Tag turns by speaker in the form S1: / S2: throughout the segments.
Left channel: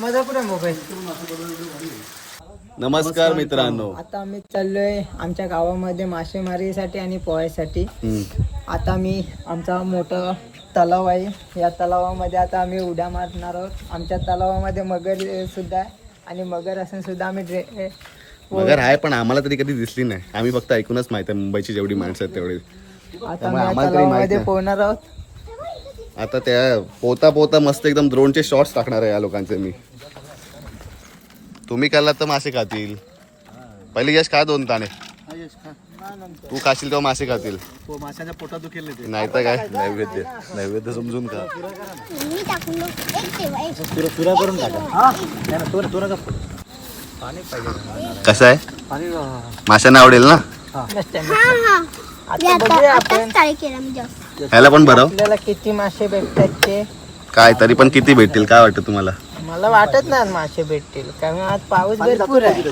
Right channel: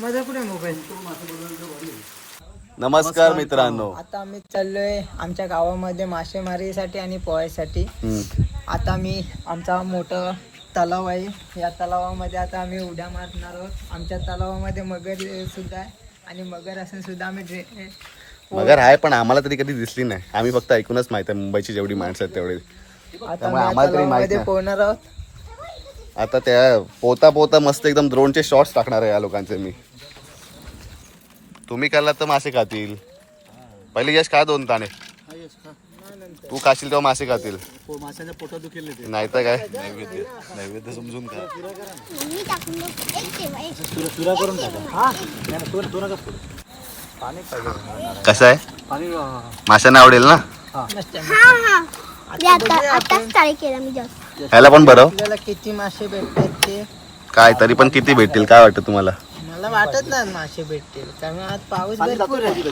S1: माझा कुठे मोबाईल.
S2: नमस्कार मित्रांनो.
S1: आता आम्ही चाललोय आमच्या गावामध्ये मासेमारीसाठी आणि पोहायसाठी. आता मी आमचा मोठा तलाव आहे. या तलावामध्ये आता आम्ही उड्या मारणार आहोत. आमच्या तलावामध्ये मगर सुद्धा आहे आणि मगर असून सुद्धा आम्ही अ,
S2: मगर आहे पण आम्हाला तरी कधी दिसली नाही. आम्ही फक्त ऐकूनच माहिती आहे मुंबईची जेवढी माणसं आहेत तेवढी.
S1: आता
S2: त्यामुळे
S1: आम्ही
S2: आम्हाला.
S1: पोहणार आहोत.
S2: आता त्या पोता पोता मस्त एकदम ड्रोनचे शॉट्स टाकणार आहे या लोकांचे मी. तुम्ही खाल्लात तर मासे खातील. पहिले यश खा दोन ताणे तू खाशील तेव्हा मासे खातील.
S3: माशाच्या पोटात दुखेल ते.
S2: नाही तर काय? नैवेद्य. नैवेद्य समजून का
S3: करून हा?
S2: कसं आहे?
S3: पाणी
S2: माशांना आवडेल ना? ह्याला पण बरं
S1: किती मासे भेटतात ते?
S2: काय तरी पण किती भेटतील? काय वाटतं तुम्हाला?
S1: मला वाटत नाही मासे भेटतील कारण आज पाऊस भरपूर आहे.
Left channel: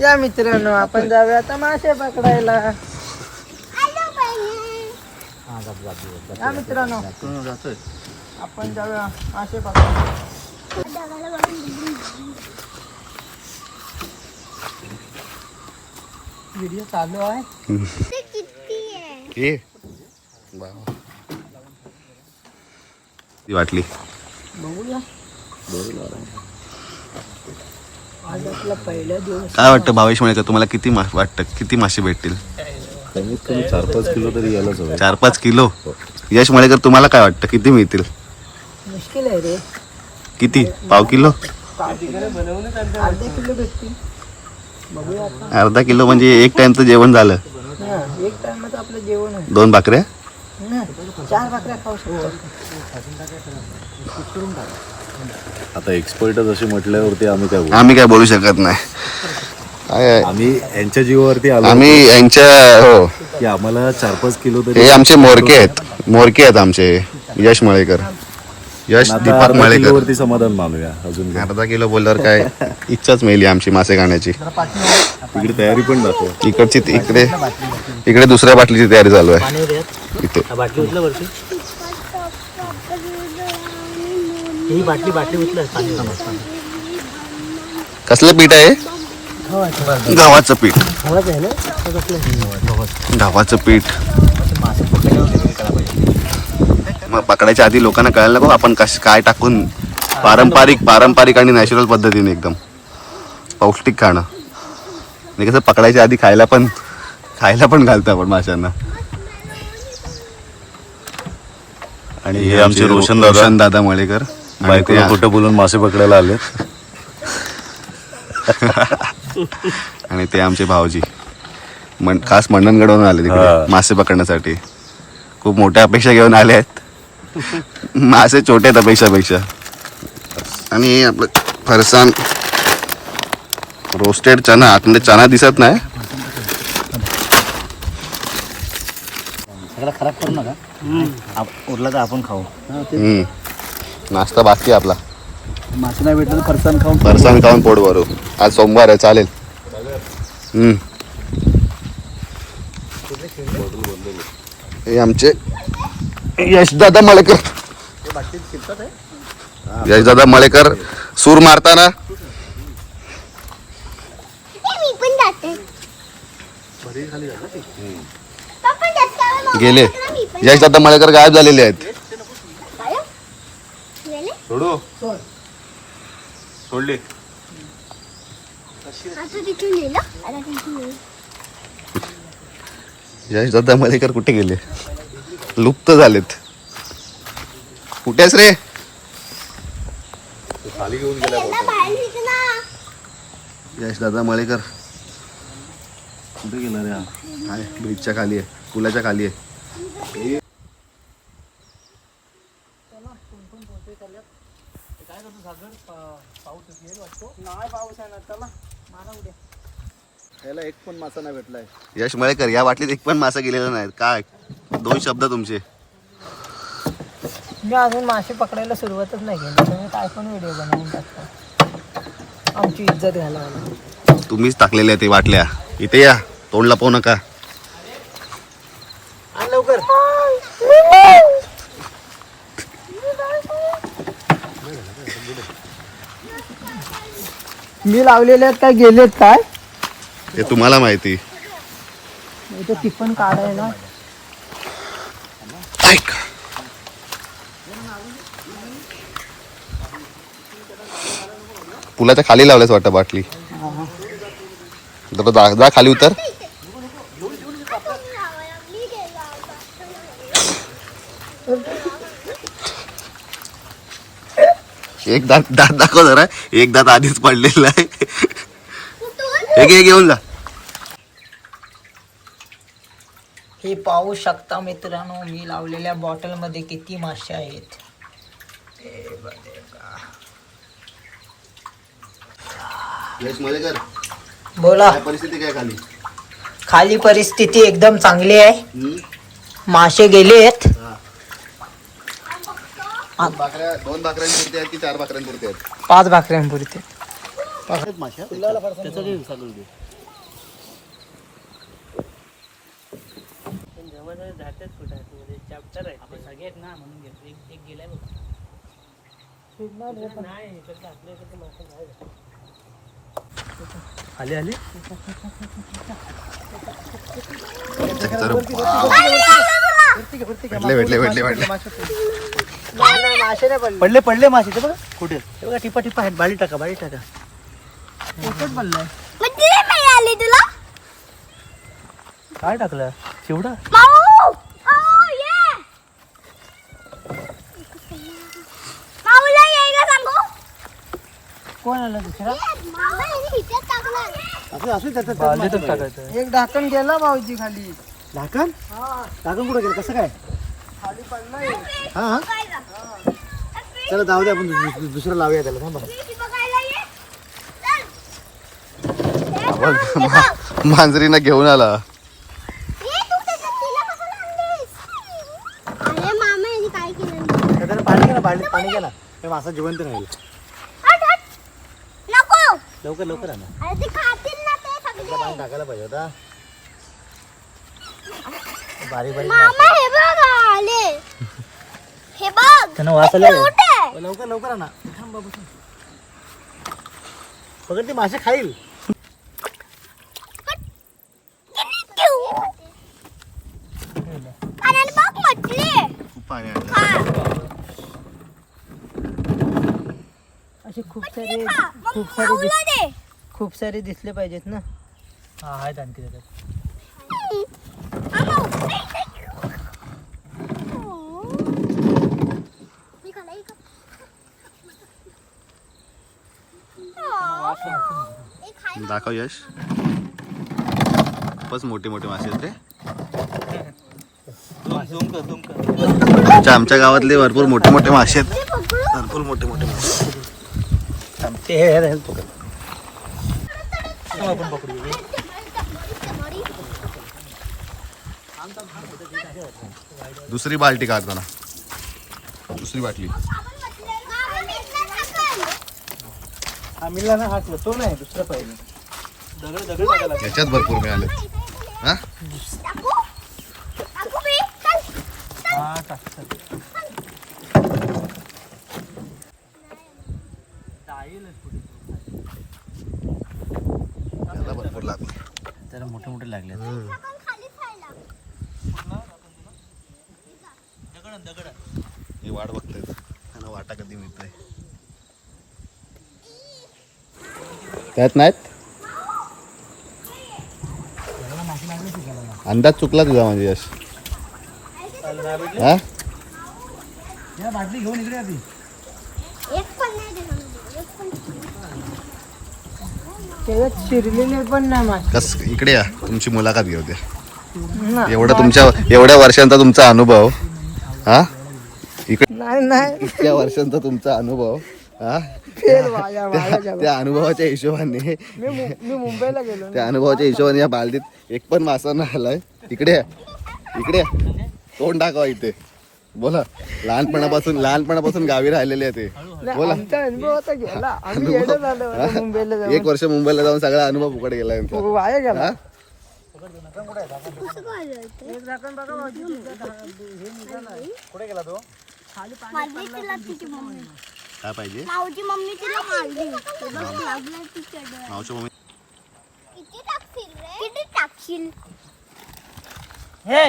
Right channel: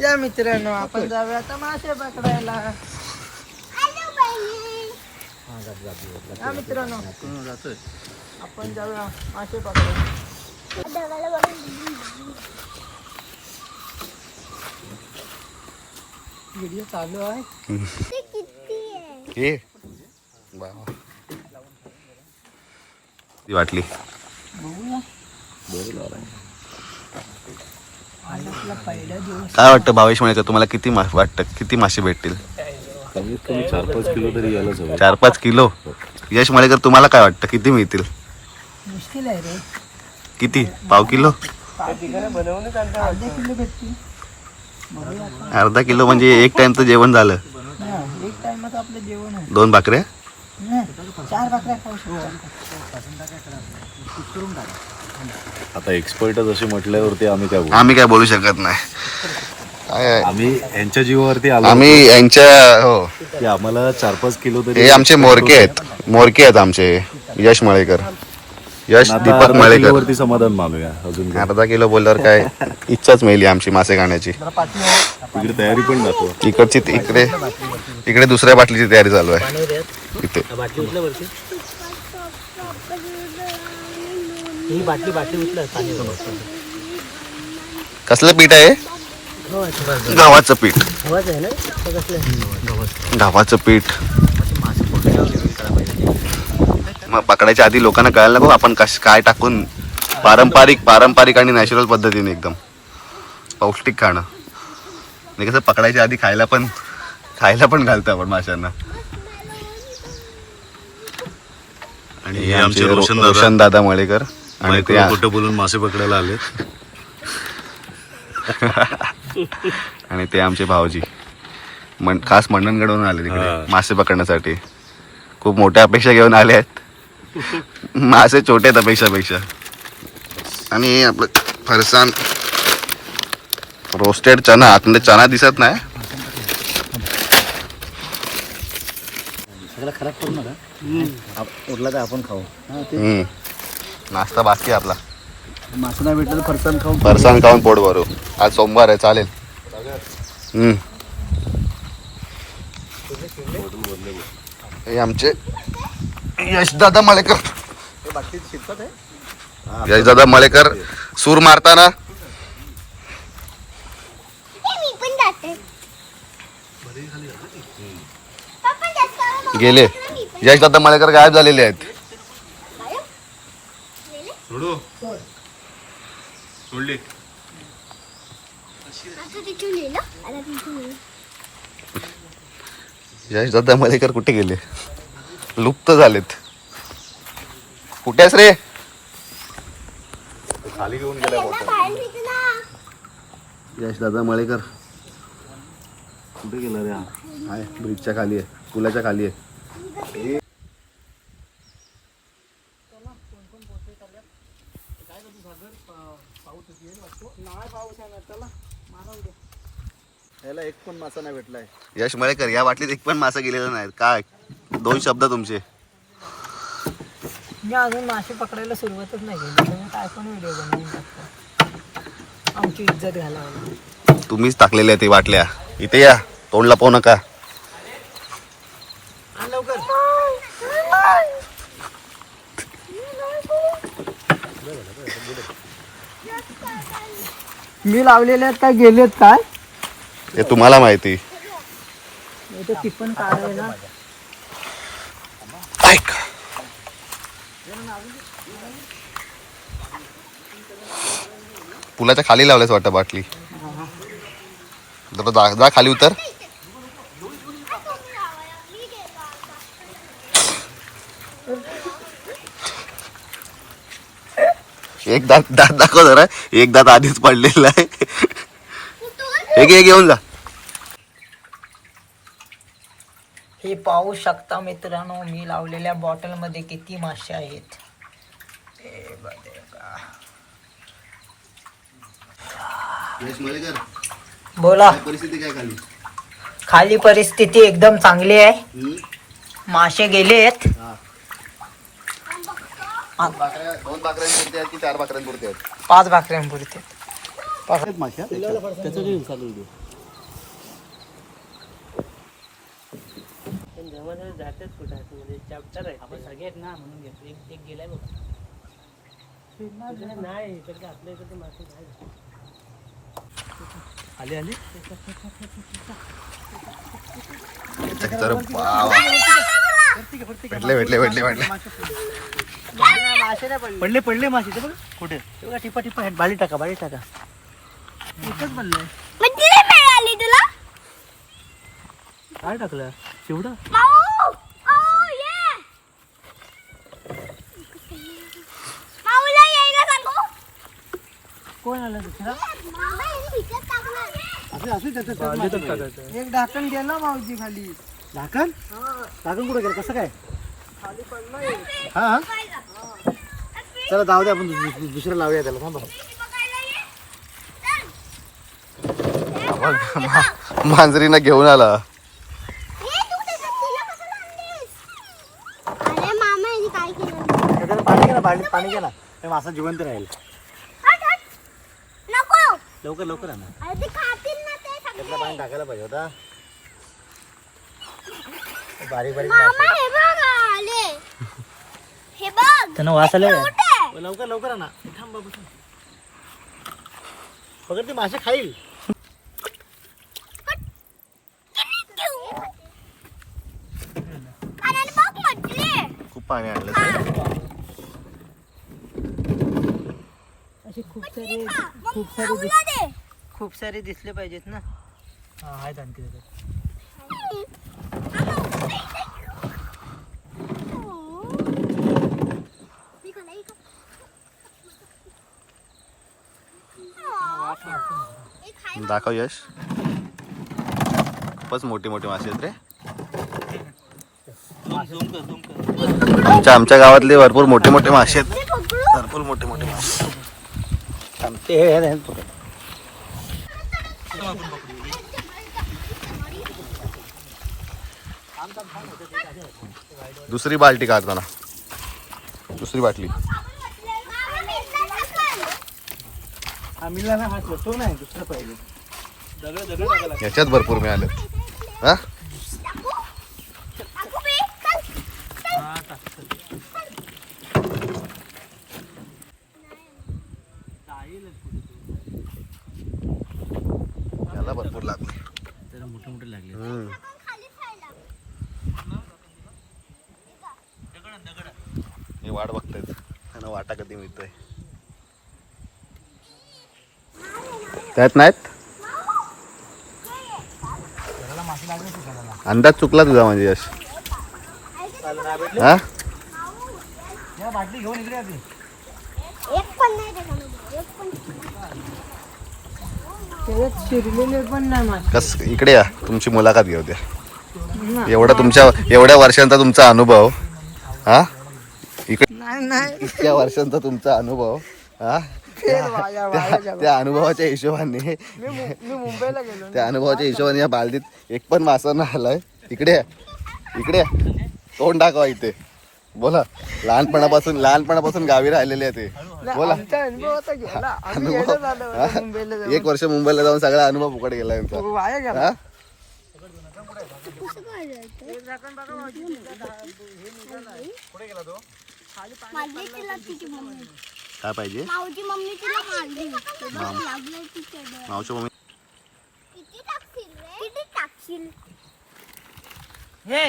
S1: या मित्रांनो आपण जाऊया आता मासे पकडायला. या मित्रांनो. आपण जाऊया मासे पकडायला. व्हिडिओ चालू आहे.
S2: हे वाटली.
S1: बघूया.
S2: काय वाटतं भावेश म्हणायचं? तुम्हाला किती मा वाटतं? किती मासे भेटतील?
S4: कमीत कमी चार पाच किलो तरी यायलाच हवं.
S2: चार पाच किलो? यश मळेकर तुम्हाला काय वाटतं? किती मिळतील?
S1: मुश्किल आहे रे.
S2: किती? पाव किलो?
S1: अर्धा किलो भेटतील. बघूया आता
S2: अर्धा किलो म्हणजे एक टाइमचं जेवण झालं.
S1: हा, एक टाइमात आपलं जेवण आहे.
S2: दोन भाकऱ्या?
S1: नाही, चार भाकऱ्या खाऊ शकतो.
S4: आता एक्सपर्टच असे म्हटल्यावरती आम्ही काय बोलू?
S2: आम्ही काय बोलू शकत नाही. काय आहे?
S4: आम्ही यांच्या जीवावरती आलो
S2: आम्ही यांच्या हो.
S4: की आम्हाला चार पाच किलो तरी
S2: हे आमचे मोरके आहेत. मोरके आहेत आमचे. यश मळेकर. यश
S4: आता
S2: दीपक
S4: अर्धा
S2: मळेकर.
S4: किलोवरती समाधान मानूया अजून काय.
S2: अर्धा किलो बोलल्यावर काय इच्छाच मिळली आमची मासे खाण्याची.
S4: तिकडे तयारी पण दाखव.
S2: इकडची इकडे इकडे दुसऱ्या बाटलीची तयारी चालू आहे. इथे
S3: बाटली उचला वरती ही बाटली बाटली उचला पाणी.
S2: कसलं पीठ आहे? गव्हाचं पीठ.
S1: आहे ना?
S2: गव्हाचं पीठ. मग पकडायच्या आधी लोकांना कळायला नको आपण कस काय टाकून पारंपरिक पारंपरिक आणि नॅचरल पद्धतीने एकदम पौष्टिक खाणं. आणि कसं पकडायच्या आधी खायला पण खायला पण घालतो आपण माशांना. आणि हे आमचे रोशन रोशन दादा मळेकर. आणि ते
S4: खोटं बोलून मासे पकडायला आले.
S2: आणि ते आमचे भाऊजी. मन खास मंडणगडवरून आले तिकडे. मासे पकडण्यासाठी. खूप मोठ्या अपेक्षा घेऊन आले आहेत. मासे छोटे आहेत अपेक्षापेक्षा. आणि हे आपलं फरसाण रोस्टेड चना आतमध्ये चना दिसत नाही.
S3: सगळं खराब करू नका. उरला तर आपण खाऊ.
S2: नाश्ता बाकी आपला.
S3: मासे नाही भेटलं तर फरसाण खाऊन
S2: फरसाण खाऊन पोट भरू. आज सोमवार आहे चालेल. हम्म. हे आमचे यशदादा मळेकर. यशदादा मळेकर सूर मारताना. गेले. यशदादा मळेकर गायब झालेले आहेत. सोडू? सोडले. मलेकर कुठे गेले? लुप्त झालेत. कुठे आहेस रे? यशदादा मळेकर
S4: कुठे गेला रे हा?
S2: आहे ब्रिजच्या खाली आहे. पुलाच्या खाली आहे
S1: नाही पाऊस आहे ना चला मारा उद्या
S3: याला एक पण मासा नाही भेटलाय.
S2: यश मळेकर या बाटलीत एक पण मासा गेलेला नाही काय? दोन शब्द तुमचे.
S1: मी अजून मासे पकडायला सुरुवातच नाही केली काय पण व्हिडिओ बनवून टाकता. आमची इज्जत घालावला
S2: तुम्हीच टाकलेल्या ते बाटल्या इथे या. तोंड लपवू नका.
S1: लवकर. मी लावलेले आहेत काय गेलेत काय?
S2: ते तुम्हाला माहिती.
S1: इथे टिपण काढायला
S2: ऐक पुलाच्या खाली लावल्यास वाटतं बाटली. जरा जा जा खाली उतर. एक दात दात दाखव जरा. एक दात आधीच पडलेला आहे. हे घे घेऊन जा.
S1: हे पाहू शकता मित्रांनो मी लावलेल्या बॉटलमध्ये किती मासे आहेत. हे बघा. बोला.
S2: परिस्थिती काय खाली?
S1: खाली परिस्थिती एकदम चांगली आहे. मासे गेलेत
S2: बाकऱ्या दोन बाकऱ्यांपुरते आहेत की चार बाकऱ्यांपुरते आहेत?
S1: पाच भाकऱ्यांपुरते
S3: त्याचं जे चालू दे
S2: तर वाव. भेटले भेटले भेटले भेटले.
S3: पडले पडले मासे ते बघा. कुठे ते बघा टिपा टिपा आहेत बाळी टाका बाळी टाका.
S5: किती मिळाली तुला.
S3: काय टाकलं? चिवडा?
S5: माऊ. yeah. माऊला यायला सांगू.
S1: कोण आलं दुसरा?
S5: मामा यांनी हिच्यात टाकलं
S3: असे असले त्याच्यात त्यात मासे नाही.
S1: एक ढाकण गेला भाऊजी खाली.
S3: ढाकण? ढाकण कुठे गेलं? कसं काय? हा हा. चला जाऊ दे आपण दुस- दुस- दुसरं लावूया त्याला थांबा
S5: ती बघायला ये
S2: बघ, मा- मांजरीनं घेऊन आला.
S5: ये तू त्याच्यात तिला कसं आणलीस. अरे मामा यांनी काय केलं?
S3: त्याच्यात पाणी मासा जिवंत राहील.
S5: हट, हट. नको.
S3: लवकर लवकर आहे ना
S5: अरे ते खातील ना ते सगळे.
S3: टाकायला पाहिजे होता. बारीक बारीक
S5: हे हे
S3: त्यांना लवकर लवकर आहे ना थांब बाबू थांब. पकड ते मासे खाईल
S5: क्यू. अरे बघ म्हटले
S2: खूप पाणी आणलं
S1: असे खूप सारे खूप सारे
S5: माऊला दे
S1: खूप सारे दिसले पाहिजेत ना
S3: हा आहेत आणखी त्याच्यात.
S5: हे
S2: दाखव यश खूपच मोठी मोठी मासे आहेत रे आमच्या आमच्या गावातले भरपूर मोठे मोठे मासे आहेत भरपूर मोठे मोठे मासे
S3: ते हे-.
S2: दुसरी बाल्टी काढताना दुसरी बाटली.
S3: हा मिळला ना हा तो नाही दुसरा पाहिजे.
S2: याच्यात भरपूर मिळाले हा याला भरपूर लागले
S3: त्याला मोठे मोठे लागले
S2: मी वाट बघतायत. त्यांना वाटा कधी मिळतोय. त्यात नाहीत? अंदाज चुकला तुझा म्हणजे यश. हा
S5: एक पण नाही देणार म्हणजे, एक पण
S1: त्याच्यात शिरलेले पण नाही मासे
S2: कस इकडे या तुमची मुलाखत घेऊ द्या
S1: ना.
S2: एवढा तुमच्या एवढ्या वर्षांचा तुमचा अनुभव हा इकडे
S1: नाही नाही
S2: इतक्या वर्षांचा तुमचा अनुभव हा
S1: फेल वाया वाया
S2: त्या-
S1: गेला.
S2: त्या अनुभवाच्या हिशोबाने
S1: मी मु- मी मुंबईला गेलो ना.
S2: त्या अनुभवाच्या हिशोबाने या बालदीत एक पण मासा नाही आलाय इकडे या. इकडे या. तोंड दाखवा इथे बोला. लहानपणापासून लहानपणापासून गावी राहिलेले आहे ते. बोला.
S1: अनुभव
S2: हा? एक वर्ष मुंबईला जाऊन सगळा अनुभव फुकट गेला यांचा
S1: हो,
S5: काय मारली तिला तिची मम्मी
S2: काय पाहिजे. मावच्या मम्मी
S5: किती टाकशील रे किती टाकशील
S3: हे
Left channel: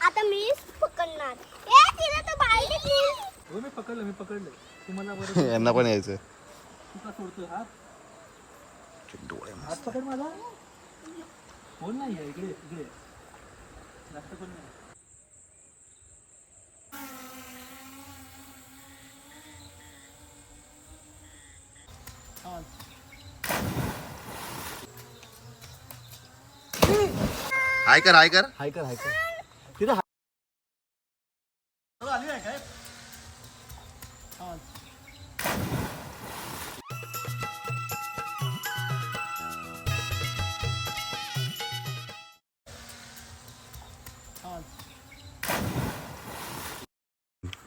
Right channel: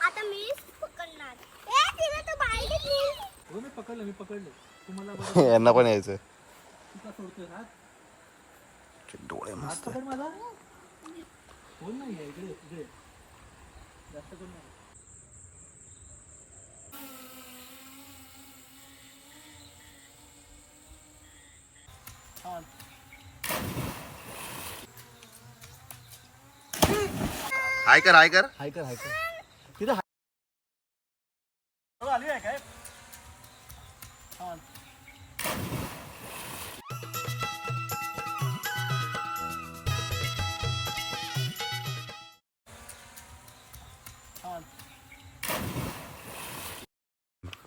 S5: आता मीच पकडणार ए तिला तो बाहेर प्लीज
S6: हो मी पकडलं मी पकडलं. तुम्हाला
S2: यांना पण यायचं
S6: तुका सोडतोय हात?
S2: डोळे
S6: हात पकड माझा. कोण नाही आहे इकडे इकडे. जास्त कोण नाही.
S2: हाय कर हाय कर.
S6: हाय कर हाय कर.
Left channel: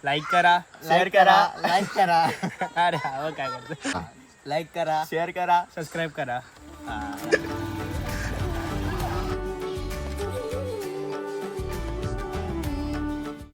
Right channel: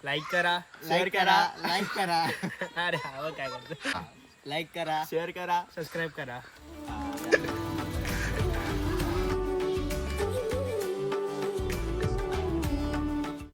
S3: लाईक करा शेअर करा लाईक करा. अरे हा काय करतो लाईक करा शेअर करा. सबस्क्राईब करा.